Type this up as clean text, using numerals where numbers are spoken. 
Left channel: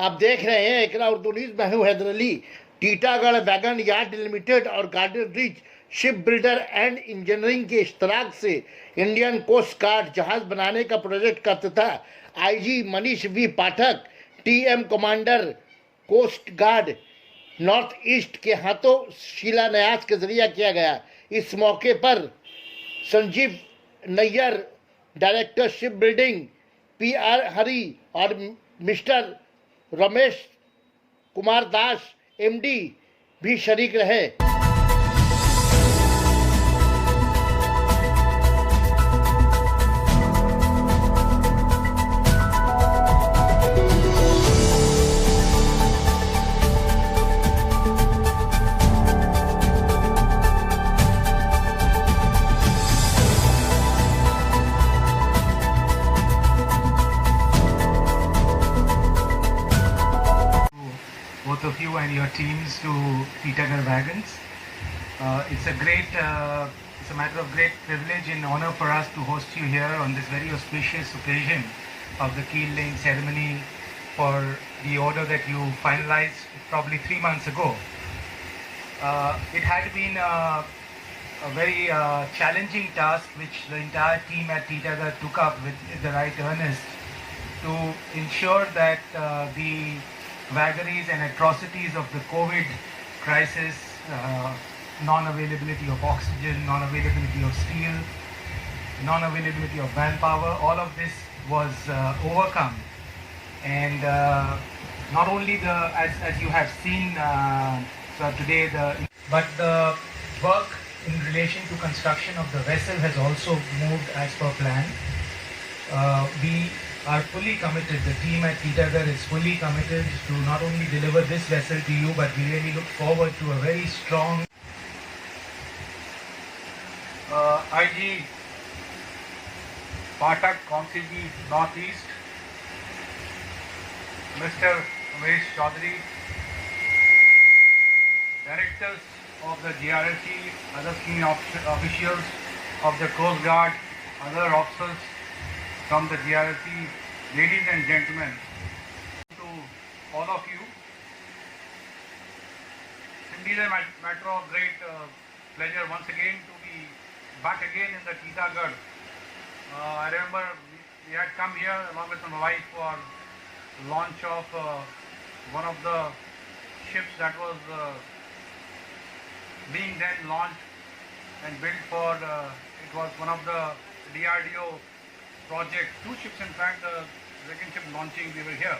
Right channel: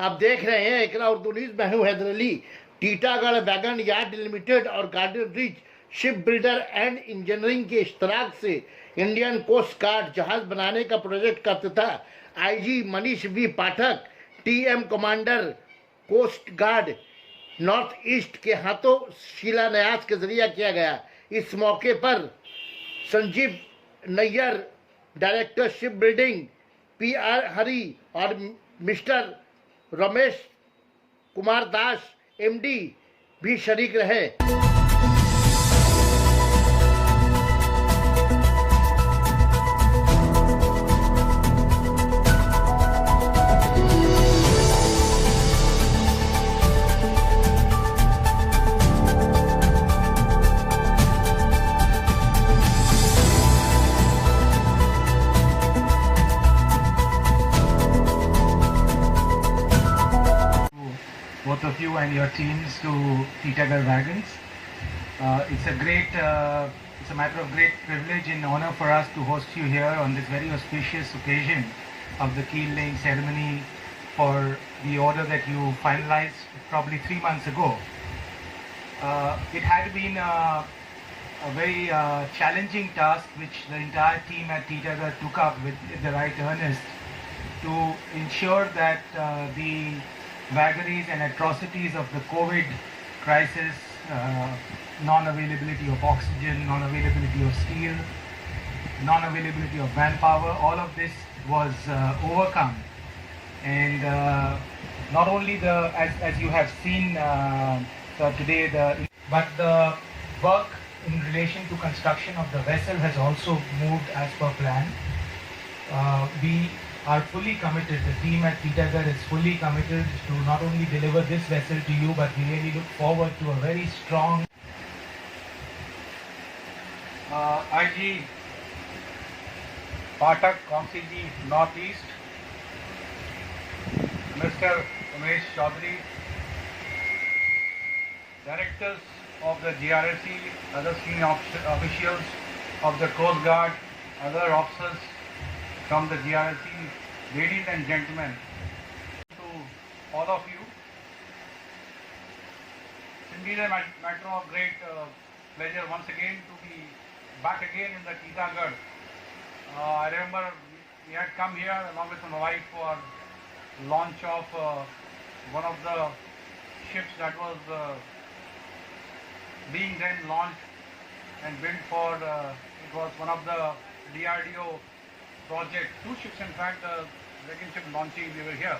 आप देख रहे हैं इकरा उर्दू न्यूज। मैं हूं Haidar Ali. Titagarh wagon yard limited और garden reach ship builder and engineering के इश्तराक से इंडियन कोस्ट गार्ड जहाज बनाने का प्रोजेक्ट का तथा IG Manish V Pathak TM commander coast guard north east के हाथों शिलान्यास के जरिए किया गया। इस मौके पर Sanjeev Nayyar director ship building PR Hari और मिस्टर रमेश कुमार दास एमडी भी शरीक रहे। both of you and your teams to Titagar Wagons. It's a matter of great privilege and honor for us to host you here on this very auspicious occasion of the keel laying ceremony for the order that you finalized probably 3 months ago. It had been a very challenging task which the entire team at Titagar took up with the right earnest to ensure that the vagaries and atrocities of the COVID crisis, non-availability of oxygen, non-availability of steel, non-availability of manpower, all of this was overcome. And not only as you have seen today, but the work in relation to construction of the vessel has also moved as per plan. We are fully committed, the team at Titagar is fully committed to not only deliver this vessel to you, but we really look forward to a very strong IG Patak, Council D Northeast, Mr. Umesh Chaudhary, Directors of the GRSC, other senior officials of the Coast Guard, other officers from the GRSC, ladies and gentlemen, to all of you. It's indeed a matter of great pleasure once again to be back again in the Titagarh. I remember we had come here along with my wife for launch of one of the ships that was being then launched and built for, it was one of the DRDO project, 2 ships in fact, the second ship launching, we were here.